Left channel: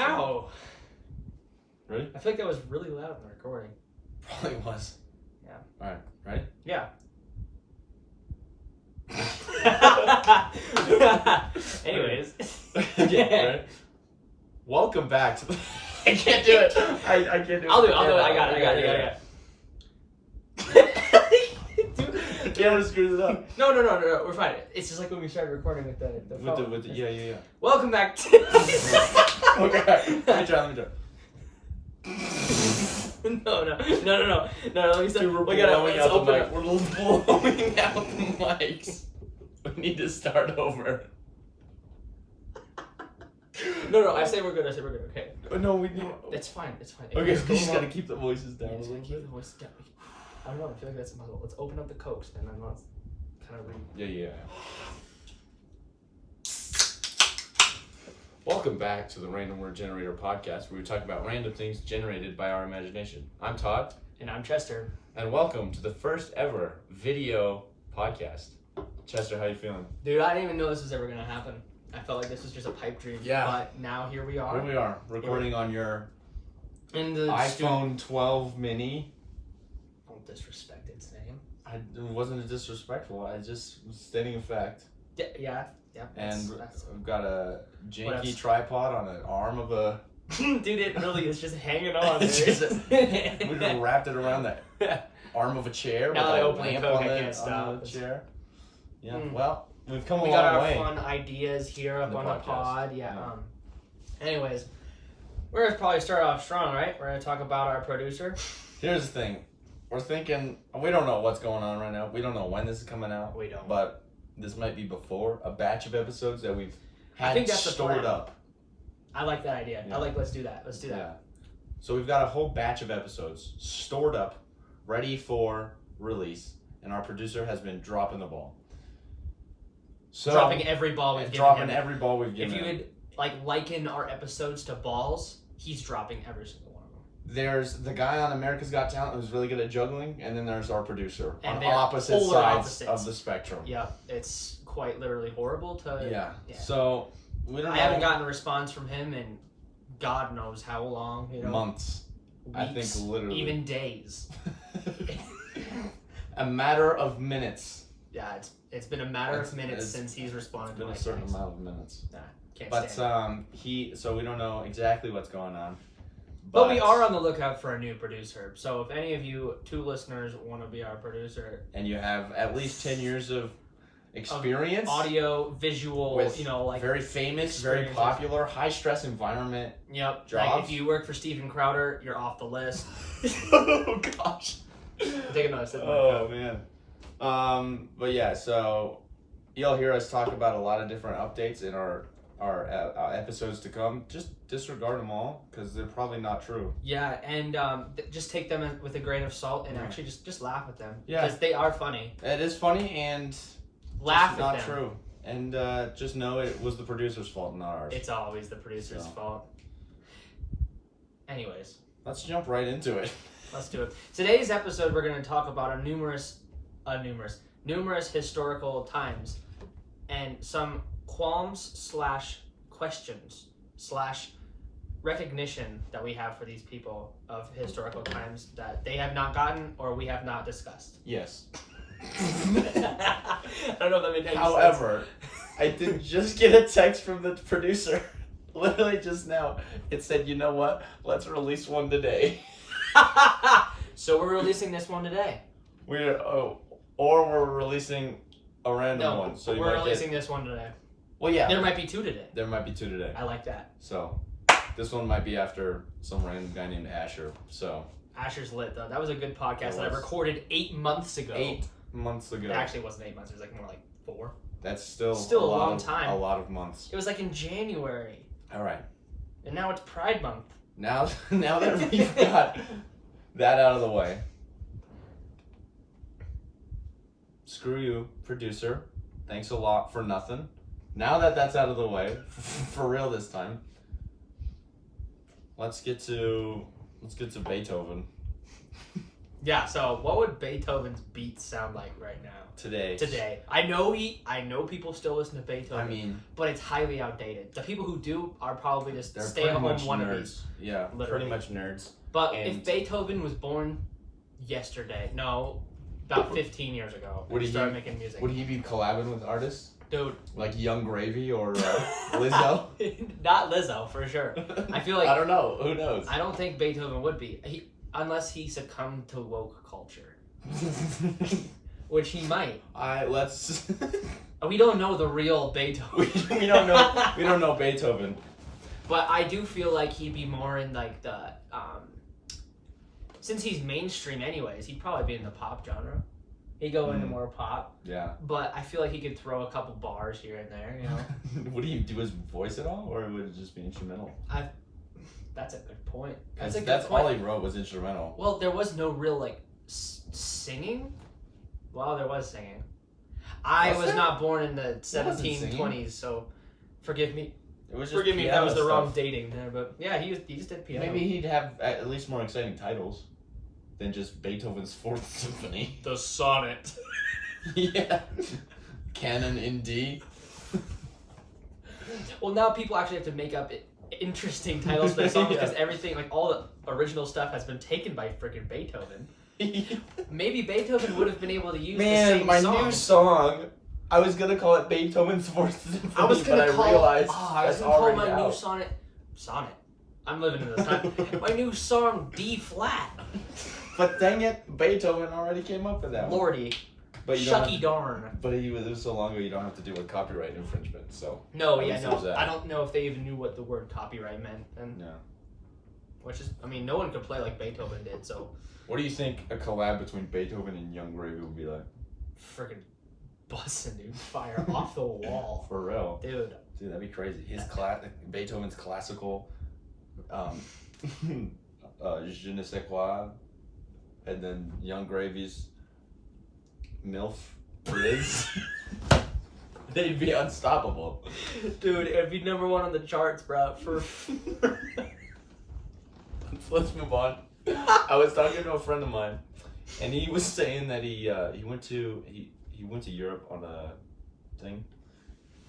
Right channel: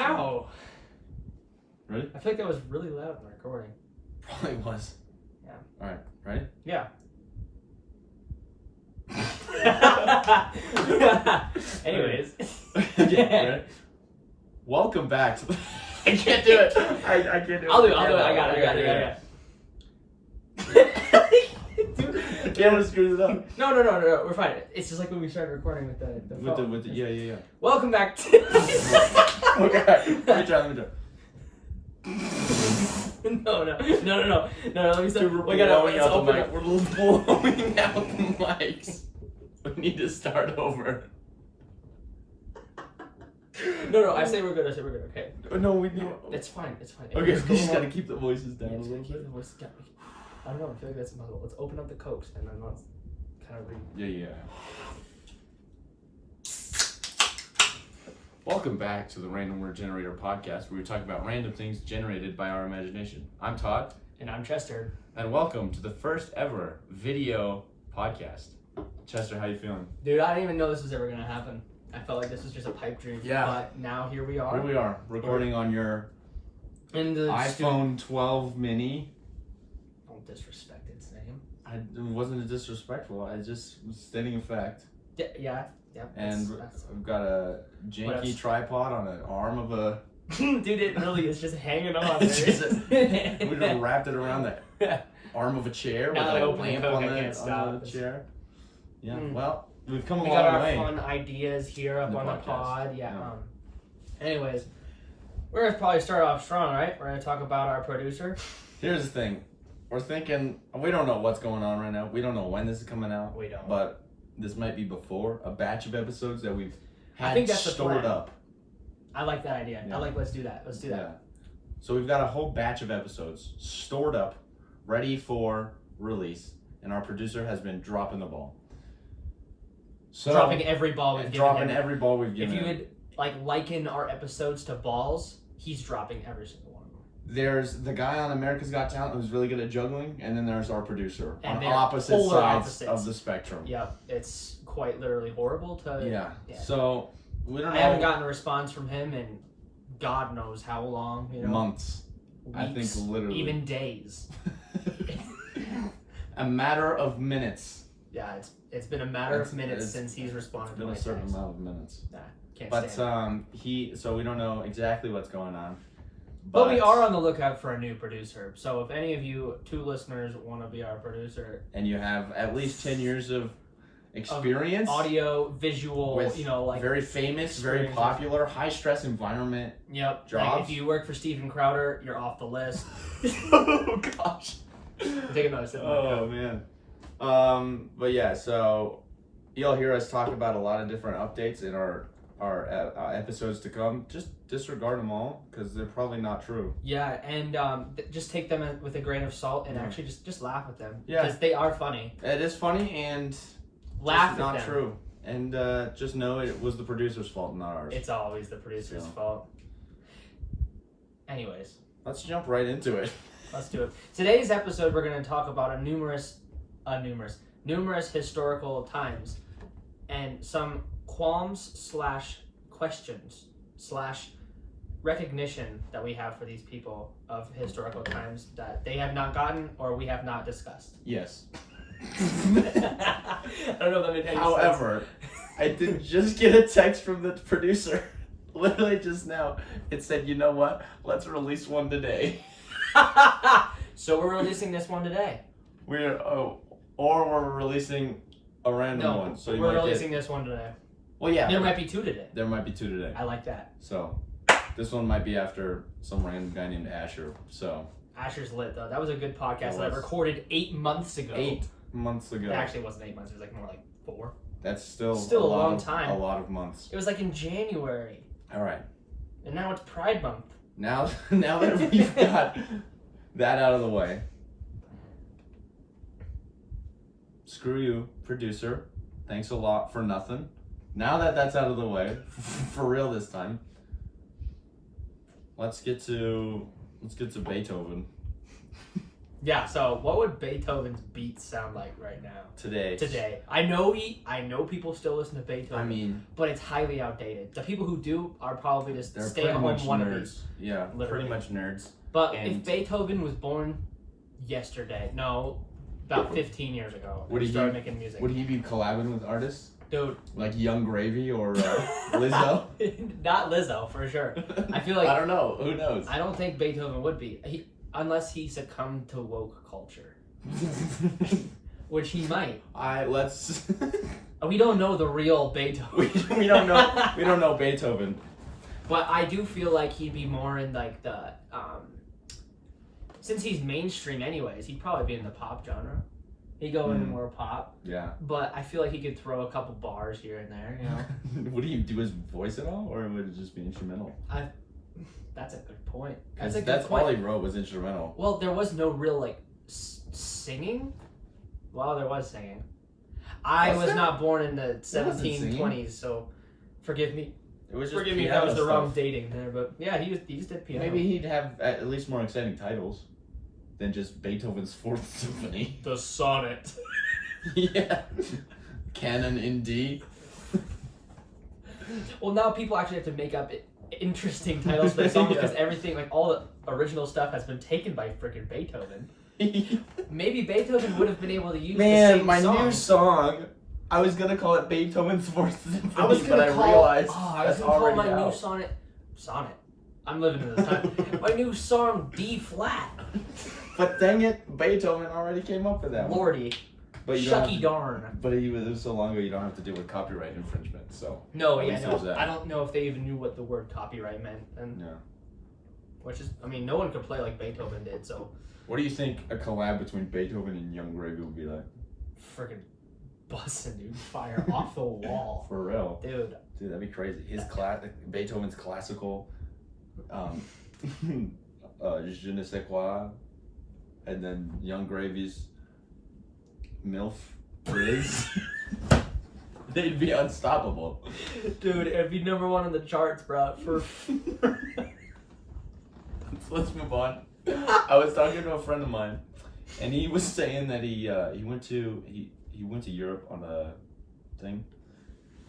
Ow! Ready? I feel like that was really loud in the recording. Probably was. Yeah. Alright, ready? Yeah. Anyways. Okay, ready? Welcome back to the... I can't do it. I can't do it. I'll do it. I got it. The camera screws it up. No. We're fine. It's just like when we started recording with the phone. With the yeah. Welcome back to... Okay. Let me try. No. Let me start. Dude, we're blowing out the mic. We're blowing out the mics. We need to start over. No. I say we're good. Okay. No, we need. It's fine. Okay, we just gotta keep the voices down a little Keep bit. the voices down. I don't know. I feel like that's impossible. Let's open up the Cokes and then let's kind of read. Yeah. Welcome back to the Random Word Generator podcast, where we talk about random things generated by our imagination. I'm Todd. And I'm Chester. And welcome to the first ever video podcast. Chester, how you feeling? Dude, I didn't even know this was ever going to happen. I felt like this was just a pipe dream. Yeah. But now here we are. Here we are, recording on your In the iPhone 12 mini. Don't disrespect its name. It wasn't disrespectful. I just was stating a fact. Yeah. And I've got a janky else? tripod on an arm of a... Dude, it really is just hanging on. we just wrapped it around the arm of a chair Now with I a open lamp Coke, on I can't the stop. chair. Yeah, Mm. well, we've come a We got long our way. fun ideas here up The on the podcast. pod. Yeah. Yeah. Anyways, we're going to probably start off strong, right? We're going to talk about our producer. Here's the thing. We're thinking, we don't know what's going on right now. We don't know when this is coming out. We don't. But this might be before a batch of episodes that we've had I think that's the stored plan. up. I like that idea. Yeah. Let's do that. Yeah. So we've got a whole batch of episodes stored up, ready for release, and our producer has been dropping the ball. So Dropping every ball we've given him. every ball we've given If you him. would liken our episodes to balls, he's dropping every single one of them. There's the guy on America's Got Talent who's really good at juggling, and then there's our producer And on they're opposite polar sides opposites. of the spectrum. Yeah, it's quite literally horrible to. Yeah. Yeah. So we don't know. I haven't gotten a response from him in God knows how long. Months. Weeks, I think literally. even days. A matter of minutes. Yeah, it's been a matter of minutes It's since he's responded to been my a certain text. amount of minutes. Nah, can't But stand so we don't know exactly what's going on. But we are on the lookout for a new producer. So if any of you two listeners want to be our producer, and you have at least 10 years of experience, audio, visual, with very famous, very experiences. popular, high stress environment. Yep. Jobs. Like if you work for Steven Crowder, you're off the list. Oh gosh. Take another sip. Oh man. But yeah, so you'll hear us talk about a lot of different updates in our episodes to come. Just disregard them all because they're probably not true. Yeah, and just take them with a grain of salt and actually just laugh at them. Yeah. Because they are funny. It is funny and Laugh at not them. true. And just know it was the producer's fault, not ours. It's always the producer's fault. Anyways, Let's jump right into it. let's do it. Today's episode, we're going to talk about numerous historical times and some qualms / questions / recognition that we have for these people of historical times that they have not gotten or we have not discussed. Yes. I don't know if that made any However, I did just get a text from the producer. Literally just now. It said, you know what? Let's release one today. sense. So we're releasing this one today. Or we're releasing a random one. So you we're might releasing this one today. Well, yeah. There might be two today. There might be two today. I like that. So this one might be after some random guy named Asher. So Asher's lit though. That was a good podcast It that I was. recorded 8 months ago. 8 months ago. It actually wasn't 8 months. It was like more like 4. That's still a lot long of, time. A lot of months. It was like in January, All right. and now it's Pride Month. Now that we've got that out of the way, screw you, producer. Thanks a lot for nothing. Now that that's out of the way, for real this time, let's get to Beethoven. Yeah. So, what would Beethoven's beats sound like right now? Today. I know people still listen to Beethoven. I mean, but it's highly outdated. The people who do are probably just they're stay-at-home pretty much wannabes. nerds. Yeah, Literally. pretty much nerds. But And- if Beethoven was born yesterday, no, about 15 years ago, Would and he started making music. Would he be collabing with artists? Dude. Like Young Gravy or Lizzo? Not Lizzo, for sure. I feel like... I don't know. Who knows? I don't think Beethoven would be. Unless he succumbed to woke culture. Which he might. Let's... We don't know the real Beethoven. we don't know. We don't know Beethoven. But I do feel like he'd be more in like the... since he's mainstream anyways, he'd probably be in the pop genre. He'd go into more pop. Yeah. But I feel like he could throw a couple bars here and there, you know? Would he do his voice at all, or would it just be instrumental? That's a good point. That's all he wrote was instrumental. Well, there was no real, like, singing. Well, there was singing. I was not born in the 1720s, so forgive me. It was just Forgive me if that was the stuff. wrong dating there, but yeah, he just did piano. Maybe he'd have at least more exciting titles than just Beethoven's Fourth Symphony. The Sonnet. Yeah. Canon in D. Well, now people actually have to make up interesting titles for the song because everything, like all the original stuff, has been taken by freaking Beethoven. Maybe Beethoven would have been able to use the same song. New song. I was gonna call it Beethoven's Fourth Symphony, I was gonna call, realized I was gonna call my new sonnet. I'm living in the time. My new song D flat. But dang it, Beethoven already came up with that one. Lordy. But you Shucky darn. But it was so long ago, you don't have to deal with copyright infringement. So no, at yeah, least no. there's that. I don't know if they even knew what the word copyright meant, and Yeah. which is, I mean, no one could play like Beethoven did. So What do you think a collab between Beethoven and Young Gravy would be like? freaking busting, dude, fire off the wall, For real, dude. dude, that'd be crazy. Beethoven's classical, Je ne sais quoi, and then Young Gravy's MILF Riz. They'd be unstoppable. Dude, it'd be number one on the charts, bro. Let's move on. I was talking to a friend of mine, and he was saying that he went to Europe on a thing,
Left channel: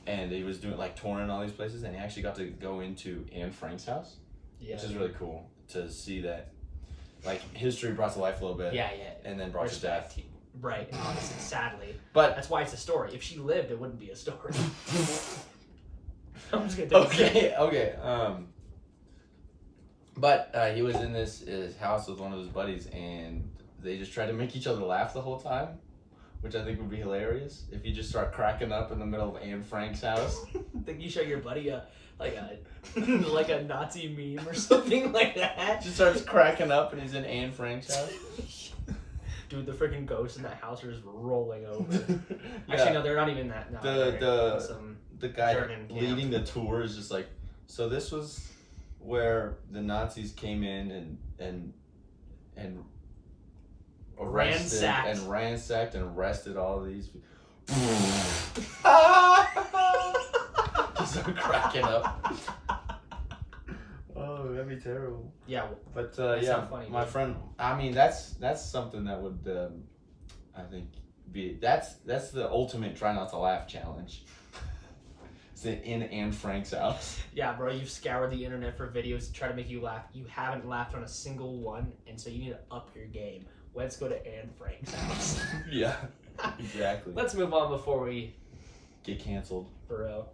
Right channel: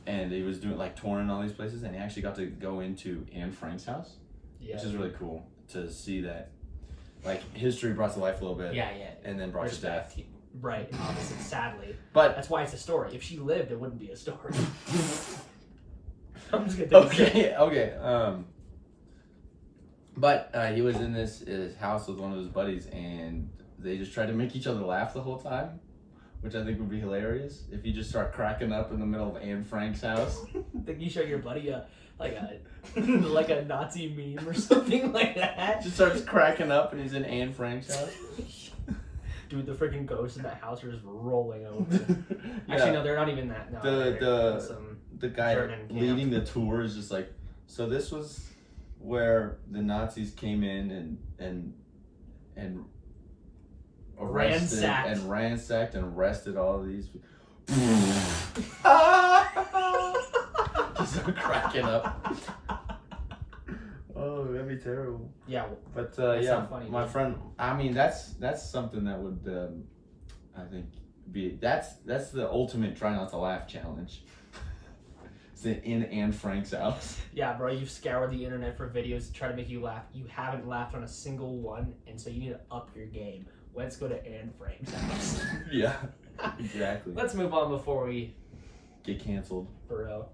and he was doing like touring all these places, and he actually got to go into Anne Frank's house, which is really cool to see that, like, history brought to life a little bit. Yeah. And then brought to death. Right, obviously, sadly. But that's why it's a story. If she lived, it wouldn't be a story. I'm just gonna okay. But he was in his house with one of his buddies, and they just tried to make each other laugh the whole time, which I think would be hilarious if you just start cracking up in the middle of Anne Frank's house. Think you show your buddy a Nazi meme or something like that. Just starts cracking up, and he's in Anne Frank's house. Dude, the freaking ghosts in that house are just rolling over. Yeah. Actually, no, they're not even that. No, the guy German leading the tour is just like, so this was where the Nazis came in and ransacked and arrested all of these. Just start cracking up. Oh, that'd be terrible. Yeah, but so funny, my friend. I mean, that's something that would, I think, be that's the ultimate try not to laugh challenge. In Anne Frank's house. Yeah, bro, you've scoured the internet for videos to try to make you laugh. You haven't laughed on a single one, and so you need to up your game. Let's go to Anne Frank's house. Yeah, exactly. Let's move on before we get canceled. For real.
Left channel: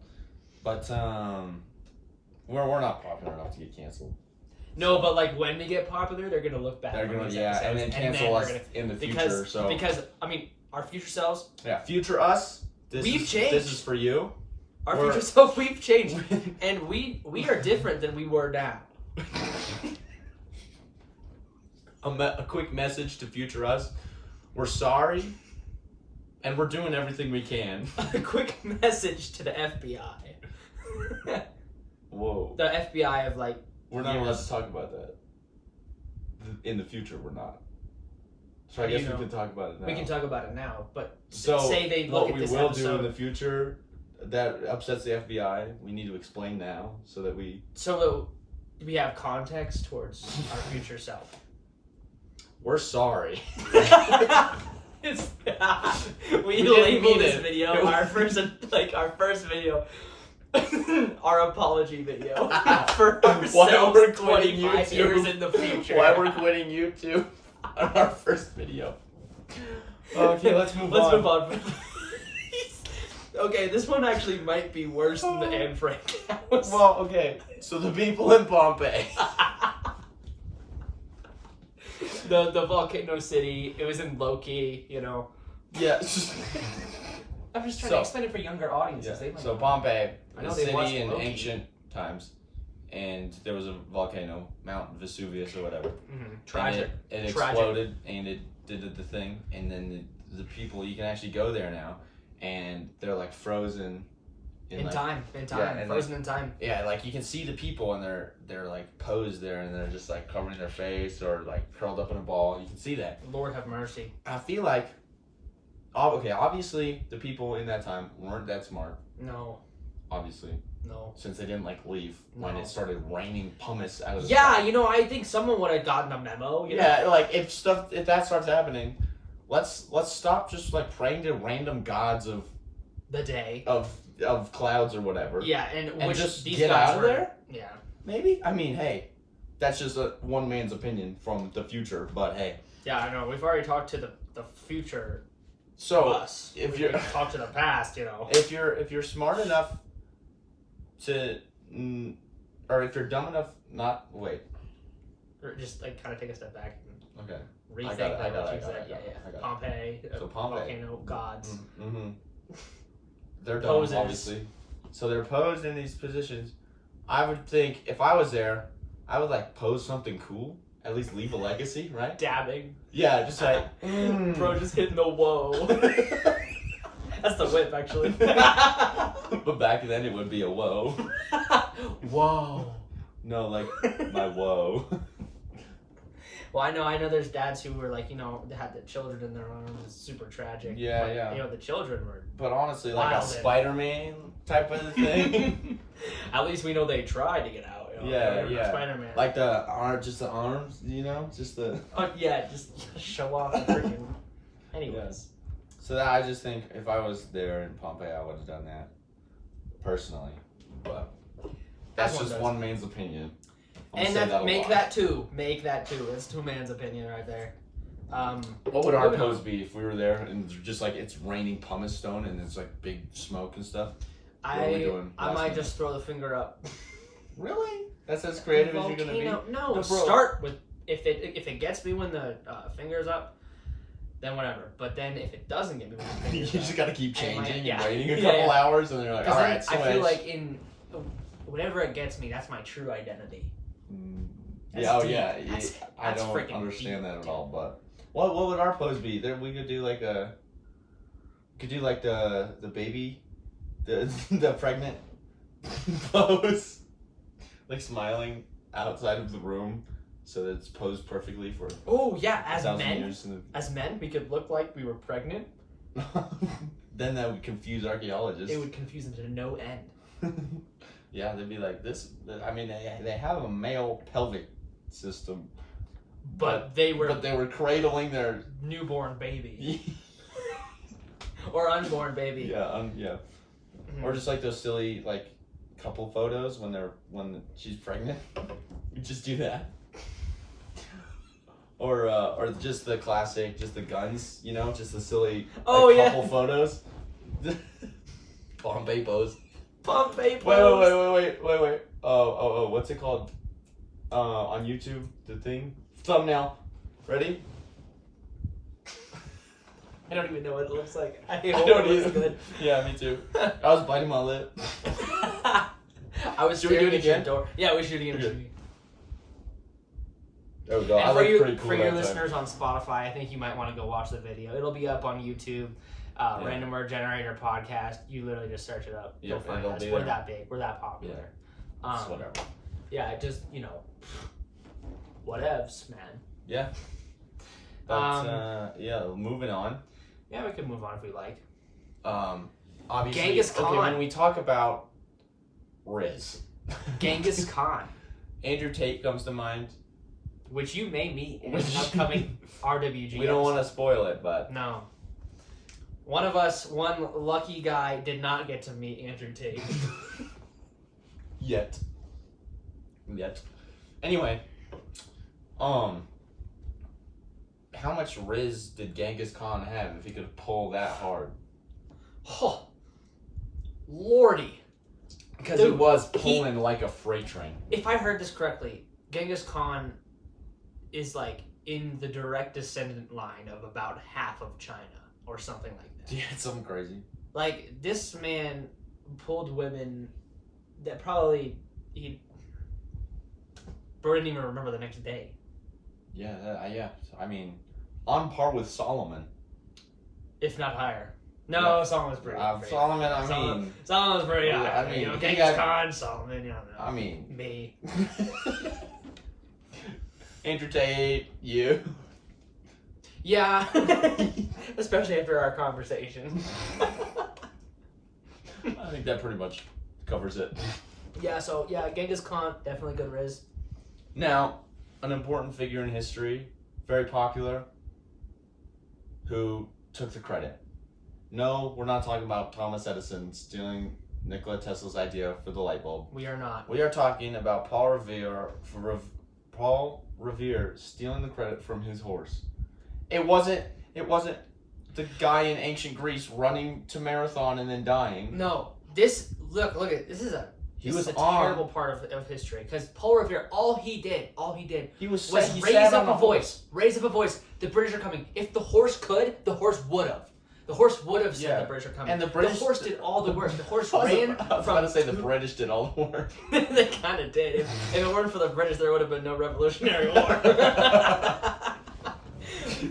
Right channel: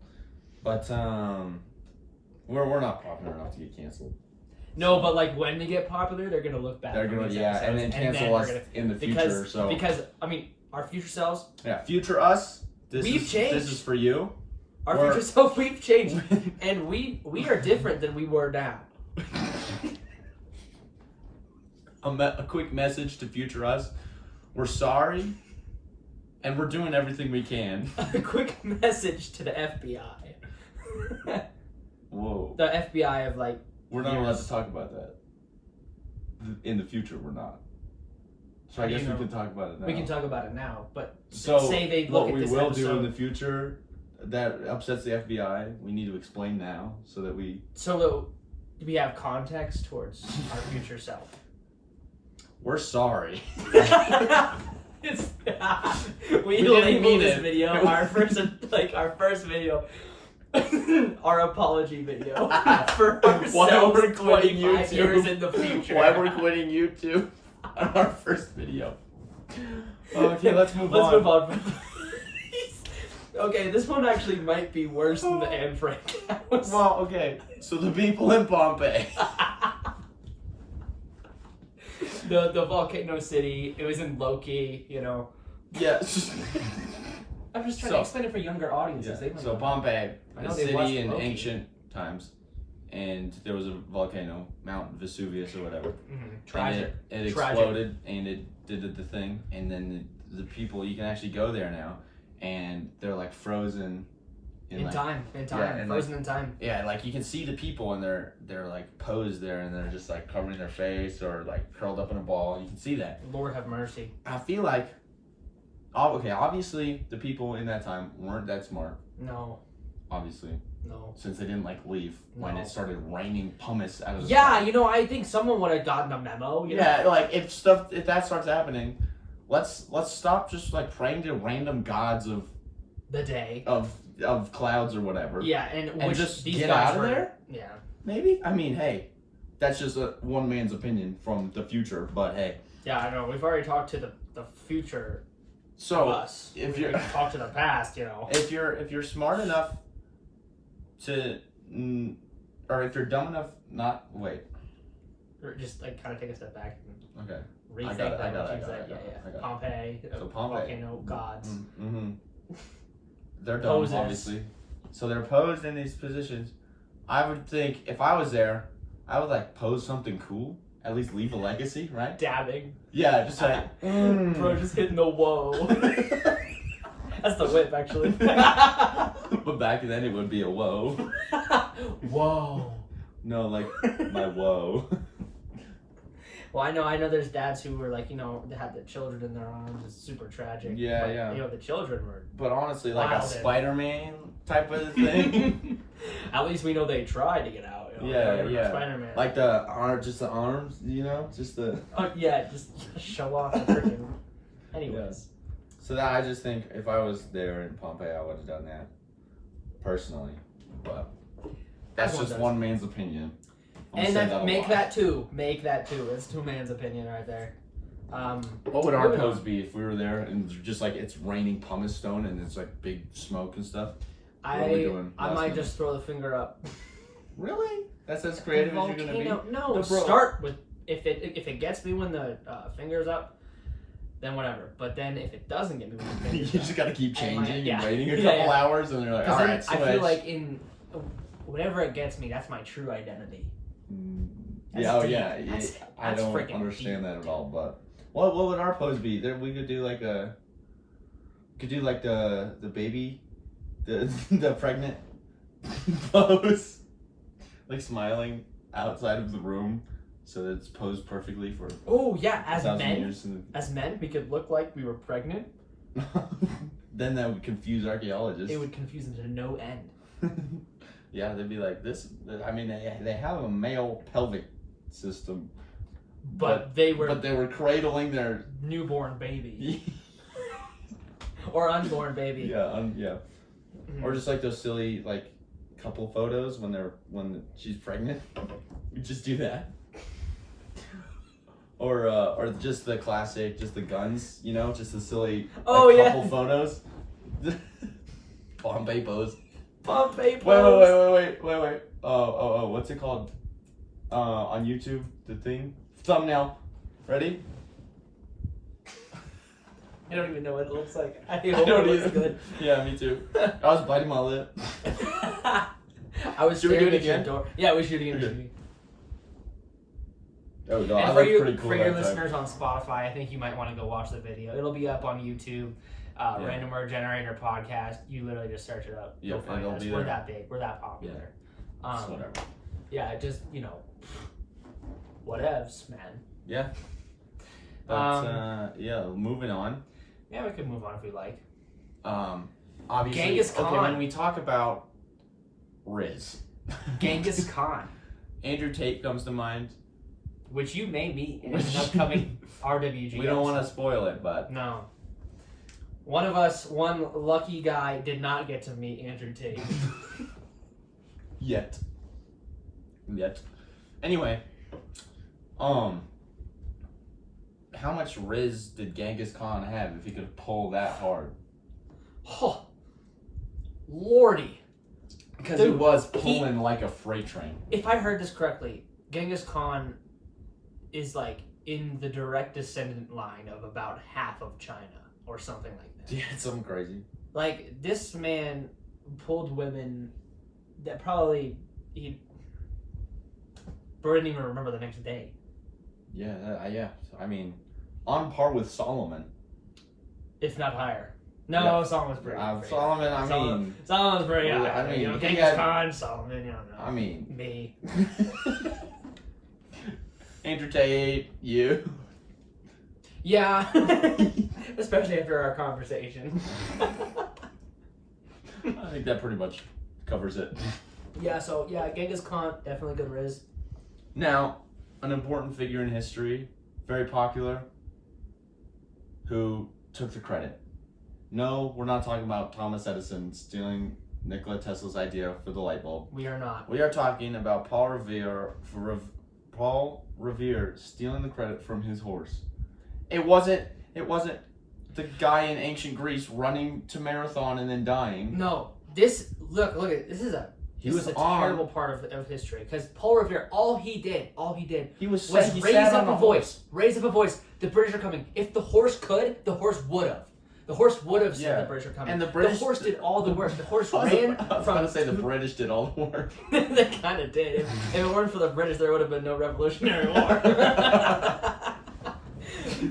But we're not popular enough to get canceled. No, but like when they get popular, they're gonna look back. They're gonna and then cancel us in the future. Because I mean, our future selves. Yeah, future us. We've changed. This is for you. Our future self, we've changed, and we are different than we were now. A quick message to future us: we're sorry, and we're doing everything we can. A quick message to the FBI. Whoa. The FBI of like. We're not allowed to talk about that. In the future, we're not. So I guess we can talk about it now. We can talk about it now, but so say they look what at we this will episode, do in the future that upsets the FBI, we need to explain now so that we have context towards our future self. we're sorry. It's, didn't we labeled mean this it. video our first video, our apology video for Why ourselves we're quitting 25 YouTube. years in the future. Why we're quitting YouTube on our first video. Okay, let's move Let's on. move on. Okay, this one actually might be worse than the Anne Frank house. Well, okay. So the people in Pompeii. the volcano city. It was in Loki. You know. Yes. I'm just trying So- to explain it for younger audiences. They might So not- Pompeii, I know a they watched city in Loki. ancient times, and there was a volcano, Mount Vesuvius or whatever. Tragic. And it Tragic. exploded, and it did the thing, and then the people, you can actually go there now, and they're like frozen In like, time, yeah, and frozen in time. Yeah, like you can see the people, and they're like posed there, and they're just like covering their face or like curled up in a ball. You can see that. Lord have mercy. I feel like, okay, obviously the people in that time weren't that smart. No, Obviously, no. since they didn't like leave when No. it started raining pumice out of the Yeah, sky. you know, I think someone would have gotten a memo. You know? Yeah, like if that starts happening, let's stop just like praying to random gods The day. of clouds or whatever. Yeah, and which just these get guys out of were, there? Yeah. Maybe. I mean, hey, that's just one man's opinion from the future. But hey, Yeah, I know. We've already talked to the future of so us. if We you're- can talk to the past, you know. if you're smart enough to, or if you're dumb enough not wait. Or just like kind of take a step back and Okay. rethink I got it, what I got you it, said. I got it. Pompeii, So Pompeii. volcano gods. Mm-hmm. They're dumb, Posers. obviously. So they're posed in these positions. I would think if I was there, I would like pose something cool. At least leave a legacy, right? Dabbing. Yeah, just like Bro, just hitting the whoa. That's the whip, actually. But back then it would be a whoa. Whoa. No, like my whoa. Well, I know there's dads who were like, you know, they had the children in their arms. It's super tragic. Yeah, but, yeah. You know, the children were. But honestly, like a Wild. Spider-Man type of thing. At least we know they tried to get out. You know? Yeah, They were yeah. Spider-Man. Like just the arms, you know, just the. Oh, yeah, just show off the freaking. Anyways. So that I just think if I was there in Pompeii, I would have done that personally. But that's Everyone just does. one man's opinion. I'm And gonna say then a make lot. that two. Make that two. It's two man's opinion right there. What would our moving pose on. be if we were there and just like it's raining pumice stone and it's like big smoke and stuff? What are we doing I last might minute? just throw the finger up. Really? That's as creative as you're gonna be? Volcano- No, No, bro. start with if it gets me when the finger's up, then whatever. But then if it doesn't get me when the You finger's just up, gotta keep And my- changing yeah. and waiting a Yeah, couple yeah. hours and you're like, 'cause all then right, switch. I feel like in whenever it gets me, that's my true identity. That's Yeah, oh deep. yeah. That's- I that's don't freaking understand deep, that at all. But what would our pose be? There we could do like the baby, the pregnant pose, like smiling outside of the room, so that it's posed perfectly for Oh yeah, as 1,000 men, years. as men, we could look like we were pregnant. Then that would confuse archaeologists. It would confuse them to no end. Yeah, they'd be like this. I mean, they have a male pelvic system, But they were but they were cradling their newborn baby or unborn baby. yeah, yeah. Mhm. Or just like those silly like couple photos when she's pregnant. We just do that. Or just the classic, just the guns, you know, just the silly Oh, like, yeah. couple photos. Pompeii pose. Pompeii pose. Wait. Oh, what's it called? On YouTube, the thing? Thumbnail. Ready? I don't even know what it looks like. I I hope don't it looks either. good. Yeah, me too. I was biting my lip. I was Should we do staring it at your again? door. Yeah, we should again. Okay. There we go. I And for look you, pretty cool for your that time. listeners on Spotify, I think you might want to go watch the video. It'll be up on YouTube. Random Word Generator Podcast. You literally just search it up. Yep, You'll find it'll us. be We're there. that big. We're that popular. It's whatever. Yeah, just whatevs, man. Yeah. But yeah, moving on. Yeah, we can move on if we like. Obviously, Genghis okay, Khan. when we talk about Riz, Genghis Khan. Andrew Tate comes to mind. which you may meet in an upcoming RWG. We don't want to spoil it, but No. One lucky guy, did not get to meet Andrew Tate. Yet. Anyway, how much Riz did Genghis Khan have if he could pull that hard? Oh, lordy. Because he was pulling like a freight train. If I heard this correctly, Genghis Khan is like in the direct descendant line of about half of China or something like that. Yeah, it's something crazy. Like, this man pulled women that probably he didn't even remember the next day. Yeah, yeah. I mean, on par with Solomon. If not higher. No, Yeah. Solomon's pretty. Solomon, I mean... Solomon's pretty high. I mean, you know, Genghis Khan, Solomon, you don't know. I mean... Me. Andrew Tate, you. Yeah. Especially after our conversation. I think that pretty much covers it. Yeah, so, Genghis Khan, definitely good Riz. Now, an important figure in history, very popular, who took the credit. No, we're not talking about Thomas Edison stealing Nikola Tesla's idea for the light bulb. We are not. We are talking about Paul Revere stealing the credit from his horse. It wasn't the guy in ancient Greece running to marathon and then dying. No, this look at this is a terrible part of history, because Paul Revere, all he did was raise up a voice. The British are coming. If the horse could, the horse would have. The horse would have said the British are coming. And the horse did all the work. The horse ran. I was about to say the British did all the work. They kind of did. If it weren't for the British, there would have been no Revolutionary War.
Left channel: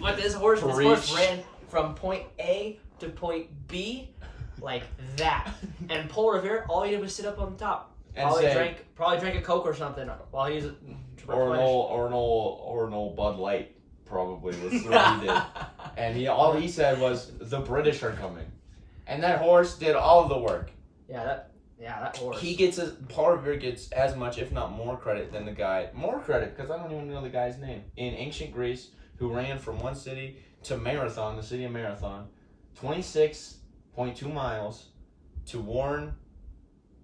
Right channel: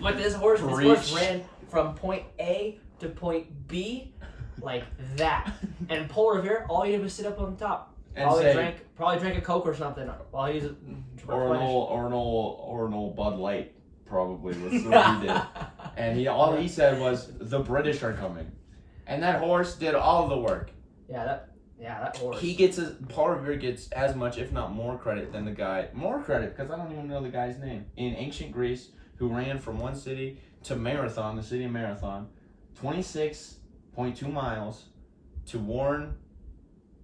But this horse ran from point A to point B like that. And Paul Revere, all he did was sit up on the top. And Probably drank a Coke or something while he was or an old Bud Light probably was what he did. And all he said was, the British are coming. And that horse did all of the work. That horse. Paul Revere gets as much, if not more credit than the guy. More credit, because I don't even know the guy's name. In ancient Greece, who ran from one city to Marathon, the city of Marathon, 26.2 miles, to warn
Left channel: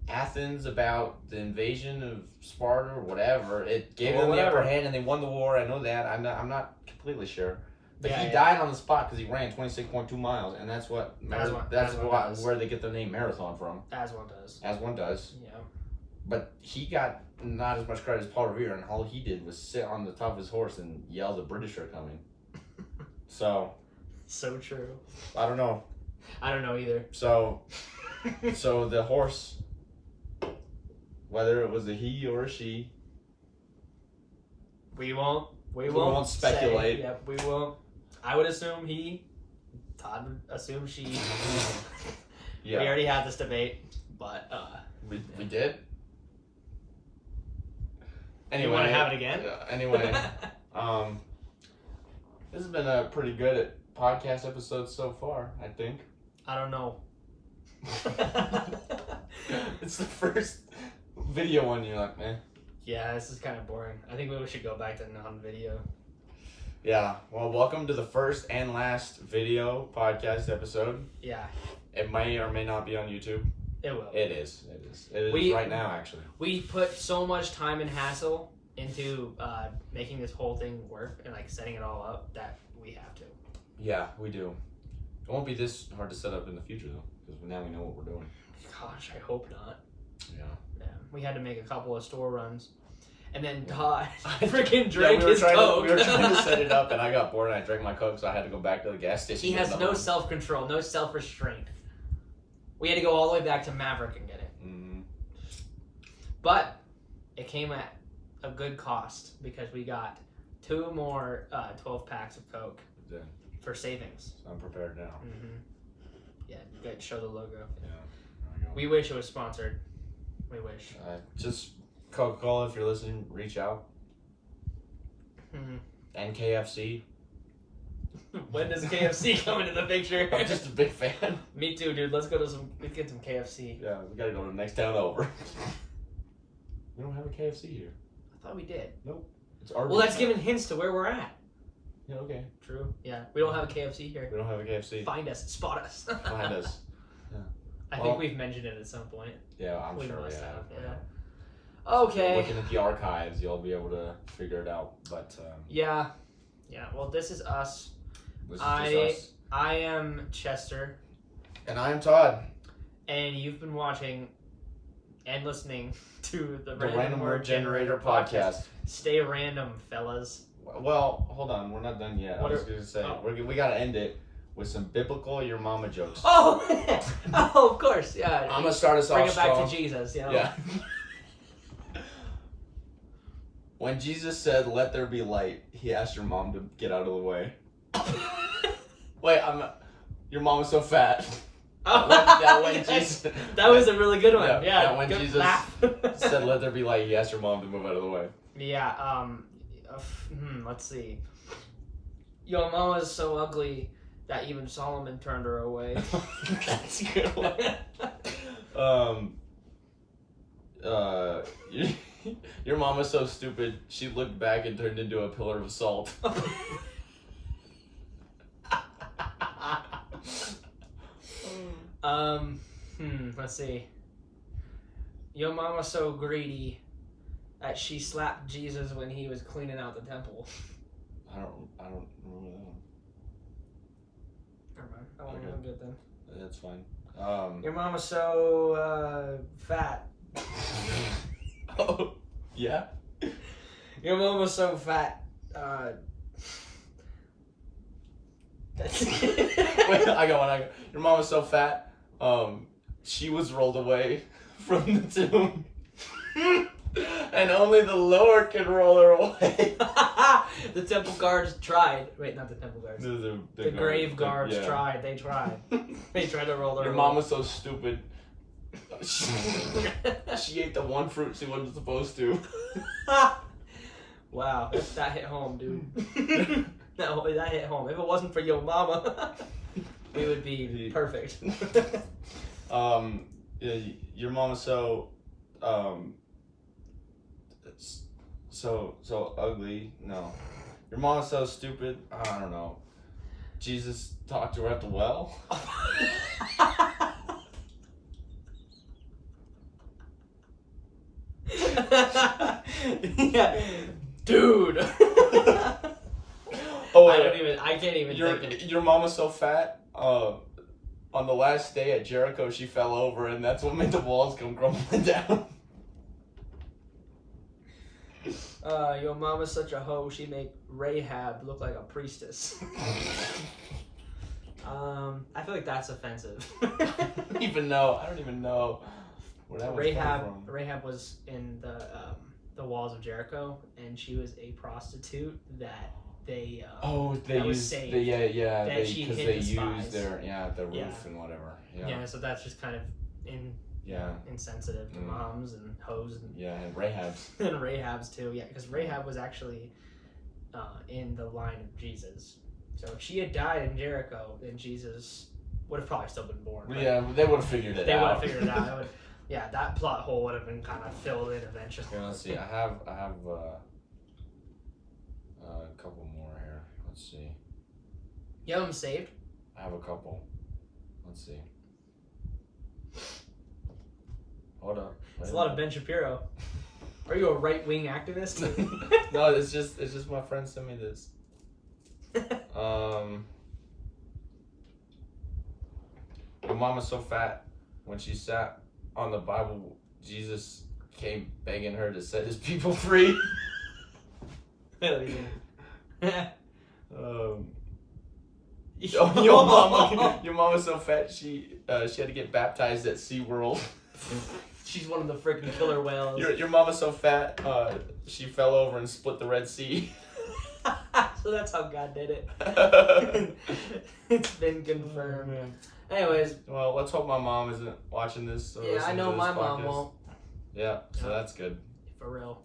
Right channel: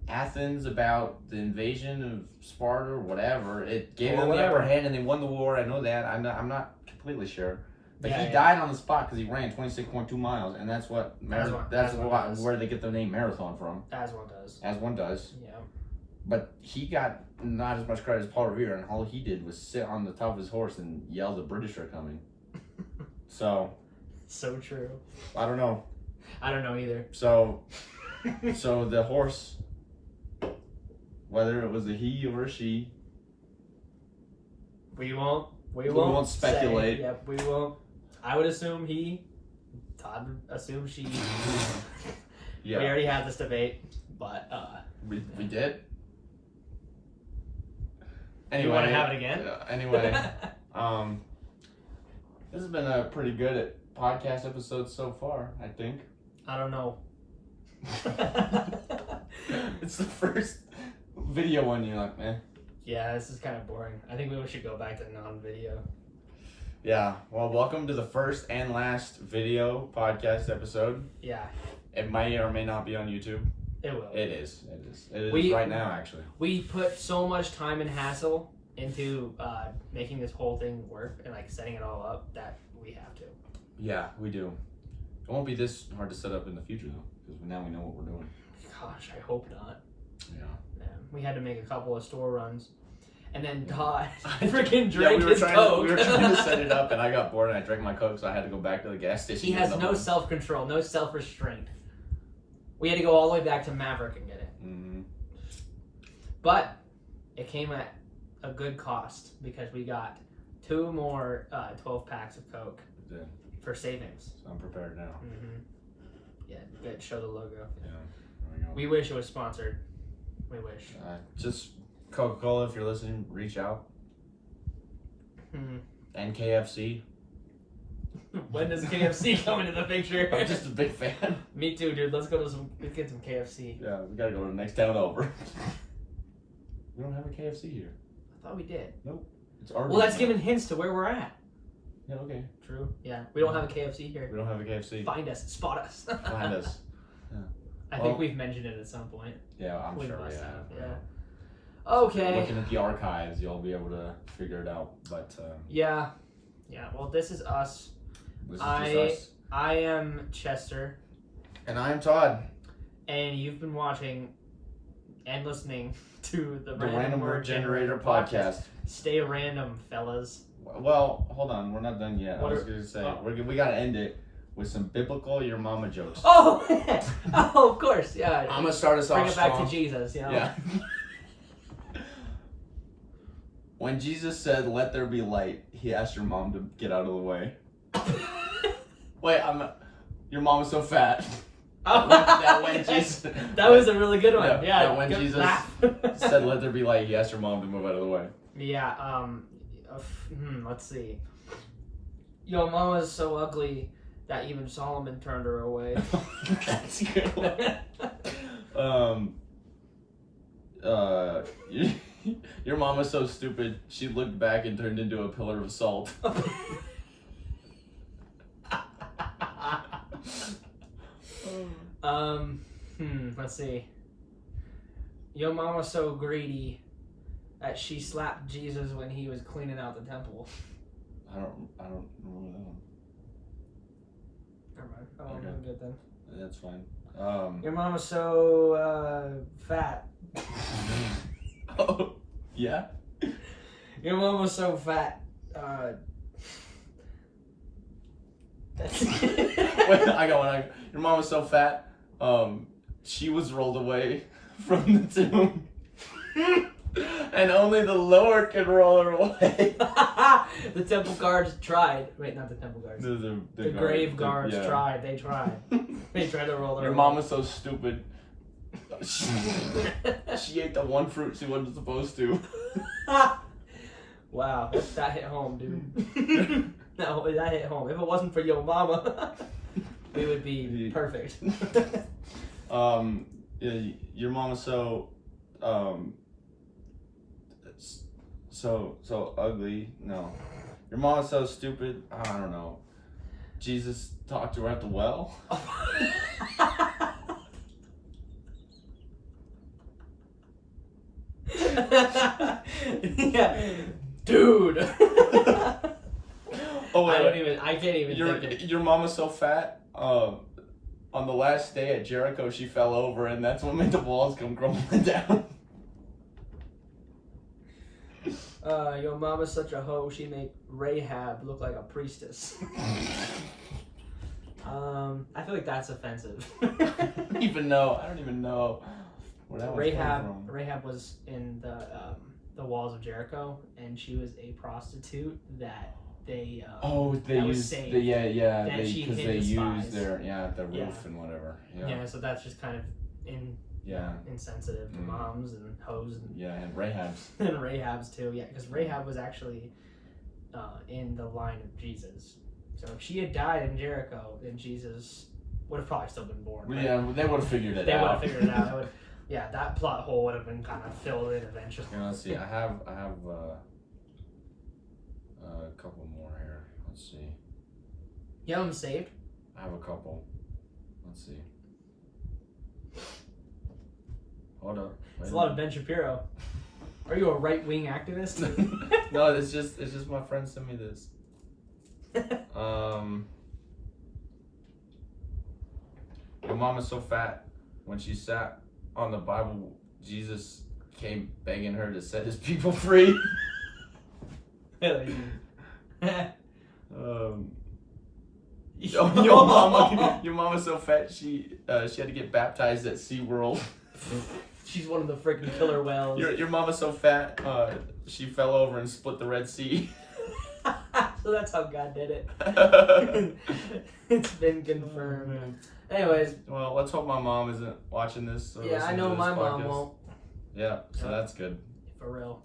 Athens about the invasion of Sparta or whatever. It gave them the upper hand and they won the war. I know that. I'm not completely sure. But he died on the spot because he ran 26.2 miles, and that's where they get the name marathon from. As one does. Yeah. But he got not as much credit as Paul Revere, and all he did was sit on the top of his horse and yell, "The British are coming." So true. I don't know. I don't know either. So the horse, whether it was a he or a she, we won't speculate. Yep, we won't. I would assume he. Todd would assume she. Yeah. We already had this debate, but we did. Anyway, you want to have it again? Anyway, this has been a pretty good podcast episode so far, I think. I don't know. It's the first video one. You're like, man. Yeah, this is kind of boring. I think we should go back to non-video. Yeah. Well, welcome to the first and last video podcast episode. Yeah. It may or may not be on YouTube. It will. It is right now, actually. We put so much time and hassle into making this whole thing work and like setting it all up that we have to. Yeah, we do. It won't be this hard to set up in the future though, because now we know what we're doing. Gosh, I hope not. Yeah. We had to make a couple of store runs. And then Todd freaking drank his Coke. We were trying to set it up, and I got bored, and I drank my Coke, so I had to go back to the gas station. He has no self-control, no self-restraint. We had to go all the way back to Maverick and get it. Mm-hmm. But it came at a good cost, because we got 2 more 12 packs of Coke for savings. So I'm prepared now. Mm-hmm. Yeah, good. Show the logo. Yeah, there we go. We wish it was sponsored. We wish. Just Coca-Cola, if you're listening, reach out. Mm-hmm. And KFC. When does KFC come into the picture? I'm just a big fan. Me too, dude. Let's get some KFC. Yeah, we gotta go to the next town over. We don't have a KFC here. I thought we did. Nope. It's Arby's. Well, that's now. giving hints to where we're at. Yeah, okay. True. Yeah, we don't have a KFC here. We don't have a KFC. Find us, spot us. Find us. I think we've mentioned it at some point. Yeah, I'm sure we must have. Yeah. Okay. Looking at the archives, you'll be able to figure it out. But Yeah. Well, this is us. this is just us. I am Chester, And I am Todd. and you've been watching and listening to the Random Word Generator podcast. Stay random, fellas. Well, hold on, we're not done yet. What I was going to say, we got to end it with some biblical your mama jokes. Oh, oh, of course, yeah. I'm going to start us off Bring it back strong. to Jesus, yeah. Yeah. When Jesus said, "Let there be light," he asked your mom to get out of the way. Wait, your mom is so fat. That was a really good one. Yeah, that when good Jesus laugh. said, "Let there be light," he asked your mom to move out of the way. Yeah, let's see. Your mama's so ugly that even Solomon turned her away. That's a good one. Your mom is so stupid, she looked back and turned into a pillar of salt. Let's see. Your mama's so greedy that she slapped Jesus when he was cleaning out the temple. I don't remember that one. Never mind. I'm good then. That's fine. Your mama's so fat. Oh, yeah? Your mama's so fat. Wait, I got one. Your mom was so fat, she was rolled away from the tomb. And only the Lord could roll her away. The temple guards tried. Wait, not the temple guards. The grave guards tried. They tried. They tried to roll her Your away. mom was so stupid. She ate the one fruit she wasn't supposed to. Wow, that hit home, dude. No, that hit home. If it wasn't for your mama, we would be perfect. Your mom is so ugly. No, your mom is so stupid. I don't know. Jesus talked to her at the well. Yeah, dude. Oh wait, I can't even think of... Your mom is so fat. On the last day at Jericho, she fell over, and that's what made the walls come crumbling down. Your mama's such a hoe. She made Rahab look like a priestess. I feel like that's offensive. I don't even know where that was from. Rahab was in the walls of Jericho, and she was a prostitute that they used saved, because they used their the roof and whatever. Yeah, so that's just kind of insensitive to moms and hoes and and Rahab's and Rahab's too. Yeah, because Rahab was actually in the line of Jesus. So if she had died in Jericho, then Jesus would have probably still been born. Yeah, they would have figured it out. They would have figured it out. That plot hole would have been kind of filled in eventually. Okay, let's see. I have a couple more here. Let's see. You have them saved? I have a couple. Let's see. Hold up. It's a lot of Ben Shapiro. Are you a right-wing activist? No, it's just my friend sent me this. Your mom is so fat. When she sat on the Bible, Jesus came begging her to set his people free. Your mom is so fat she had to get baptized at SeaWorld. She's one of the freaking killer whales. Your mom is so fat she fell over and split the Red Sea. So that's how God did it. It's been confirmed. Anyways. Well, let's hope my mom isn't watching this. Or I know my mom won't. Yeah, so that's good. For real.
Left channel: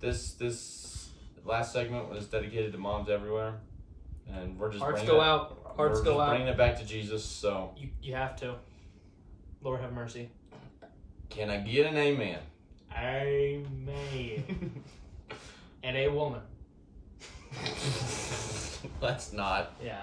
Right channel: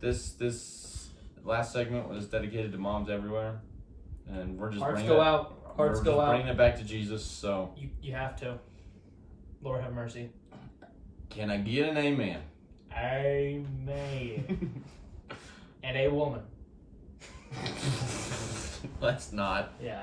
This last segment was dedicated to moms everywhere, and we're just Hearts go out. Hearts go out. Bringing it back to Jesus. So you have to. Lord have mercy. Can I get an amen? Amen. and a woman. Let's not. Yeah.